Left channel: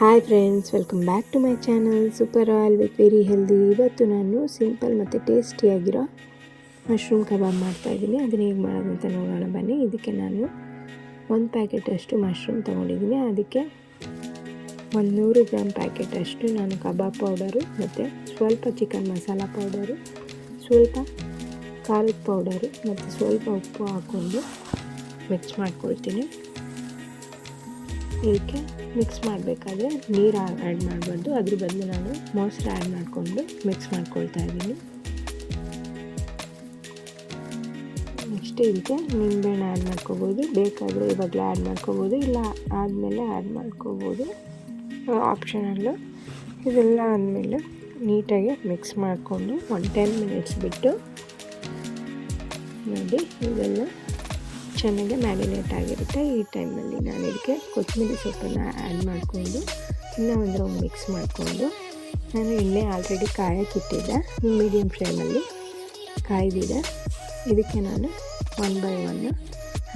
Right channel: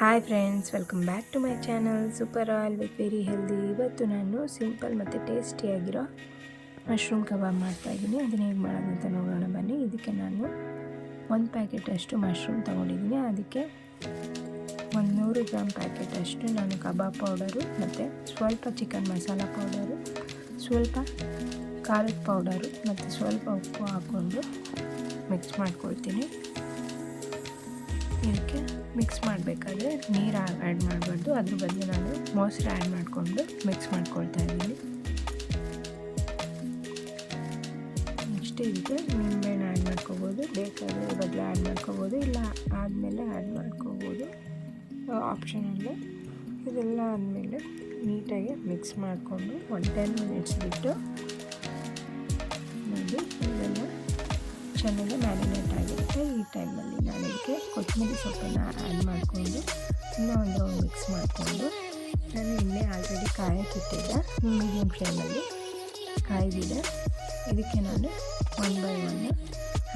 Hi friends, welcome back to my channel super all with very healthy. ಇವತ್ತು ನಾನು simple ಮತ್ತು ಟೇಸ್ಟಿಯಾಗಿರೋ mushroom kebab ಮಾಡ್ತಾಯಿದ್ದೀನಿ. ಅದನ್ನು ಹೇಗೆ ಮಾಡೋದು ಅಂತ ನೋಡೋಣ ಬನ್ನಿ. ಇದಕ್ಕೆ ನಾನು 1 ಪ್ಯಾಕೆಟಷ್ಟು ಮಶ್ರೂಮ್ ತೊಗೊಂಡಿದ್ದೀನಿ. ಅದಕ್ಕೆ 100 ಗ್ರಾಮ್ ಪ್ಯಾಕೆಟಷ್ಟು ನಾನು ಕಬಾಬ್ ಪೌಡರು ಮತ್ತು ಸ್ವಲ್ಪ ಚಿಕನ್ ಮಸಾಲ ಪೌಡರು, ಸ್ವಲ್ಪ ಖಾರದ ಪೌಡರು ಮತ್ತು ಸ್ವಲ್ಪ ಉಪ್ಪು ಹಾಕ್ಕೊಂಡು ಮಿಕ್ಸ್ ಮಾಡ್ಕೊಳ್ತೀನಿ. ಇದಕ್ಕೆ ಮಿಕ್ಸ್ ಮಾಡಬೇಕಾದ್ರೆ ನೀರು ಆ್ಯಡ್ ಮಾಡಬಾರ್ದು, ಅದ್ರ ಬದಲು ನಾನು ಮೊಸರು ಆ್ಯಡ್ ಮಾಡಿಕೊಂಡು ಮಿಕ್ಸ್ ಮಾಡ್ಕೊಳ್ತಾ ಇದ್ದೀನಿ. ನೆಕ್ಸ್ಟ್ ಇದಕ್ಕೆ ನಿಂಬೆಹಣ್ಣು ಆ್ಯಡ್ ಮಾಡ್ಕೋಬೋದು, ಬೇಕಾದರೆ ಇವಾಗಲೇ ಆ್ಯಡ್ ಮಾಡ್ಕೋಬೋದು, ಇಲ್ಲ ಆದಮೇಲೆ ಆ್ಯಡ್ ಮಾಡ್ಕೋಬೋದು, ಆಪ್ಷನಲ್ಲು. ಇದೆಲ್ಲ ಆದಮೇಲೆ ನೀಟಾಗಿ ಮಿಕ್ಸ್ ಮಾಡಿಕೊಂಡು 10 ಮಿನಿಟ್ಸ್ ಬಿಟ್ಟು ನೋಡಿ ಇದೆಲ್ಲ ಚೆನ್ನಾಗಿ ಮ್ಯಾರಿನೇಟ್ ಆಗಿರುತ್ತೆ. ಈ ಟೈಮಲ್ಲಿ ನಾನು ಇದಕ್ಕೆ ಕೊತ್ತಂಬರಿ ಸೊಪ್ಪನ್ನು ಆ್ಯಡ್ ಮಾಡಿಕೊಂಡು ಇನ್ನೂ ಒಂದು ರೌಂಡ್ ಮಿಕ್ಸ್ ಮಾಡಿಕೊಂಡು, ನಾನು ಇಲ್ಲೇ ಆಲ್ರೆಡಿ ಕಾಯಕ್ಕಿಟ್ಟಿದ್ದೆ, ಮೀಡಿಯಮ್ ಫ್ಲೇಮಲ್ಲಿ ಕಾಯ್ದಿದೆ. ಇದಕ್ಕೆ ನಾನು 1 ಬೈ 1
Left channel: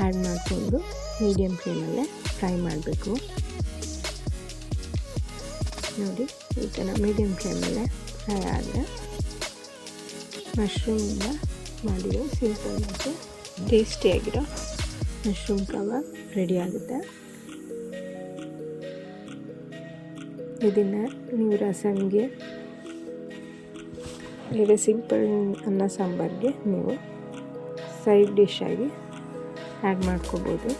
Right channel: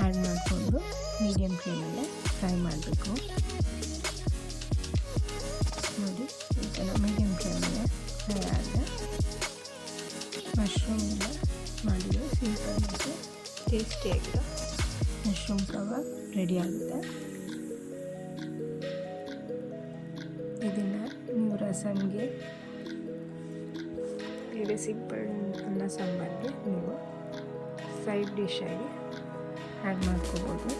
ಆ್ಯಡ್ ಮಾಡಿಕೊಂಡು ಮೀಡಿಯಮ್ ಫ್ಲೇಮಲ್ಲೇ ಫ್ರೈ ಮಾಡಬೇಕು. ನೋಡಿ ಈ ಥರ ಮೀಡಿಯಮ್ ಫ್ಲೇಮಲ್ಲೇ ಫ್ರೈ ಆದರೆ ಮಶ್ರೂಮಿಂದ ಮಾಡಿರೋ ಸಿಂಪಲ್ ಮತ್ತು ಟೇಸ್ಟಿಯಾಗಿರೋ ಮಶ್ರೂಮ್ ಕಬಾಬ್ ರೆಡಿ ಆಗುತ್ತೆ. ಇದನ್ನು ನೀವು ರಸಮ್ಗೆ, ಈಗ ಸಿಂಪಲ್ ಅನ್ನ ಸಾಂಬಾರಿಗೆ ನೀವು ಸೈಡ್ ಡಿಶ್ ಆಗಿ ಆ್ಯಡ್ ಮಾಡ್ಕೋಬೋದು.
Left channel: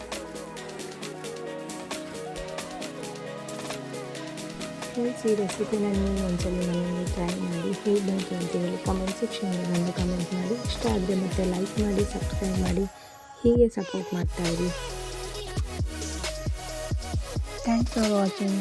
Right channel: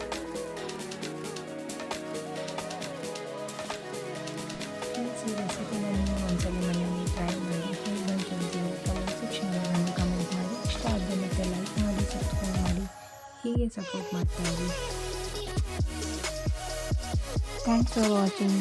ಈ ರೆಸಿಪಿನ ನೀವು ಒಂದ್ಸಲ ಮನೆಯಲ್ಲಿ ಟ್ರೈ ಮಾಡಿ, ಹೇಗೆ ಬಂತು ಅಂತಿದ್ರೆ ಕಮೆಂಟ್ ಸೆಕ್ಷನಲ್ಲಿ ಒಂದು ಕಮೆಂಟ್ ಮಾಡಿ. ಇಷ್ಟ ಆದರೆ ಮತ್ತೆ ಲೈಕ್ ಮಾಡಿ, ಸಬ್ಸ್ಕ್ರೈಬ್ ಮಾಡಿ, ಹೀಗೆ ಸಪೋರ್ಟ್ ಮಾಡ್ತಾಯಿರಿ. Thanks for watching.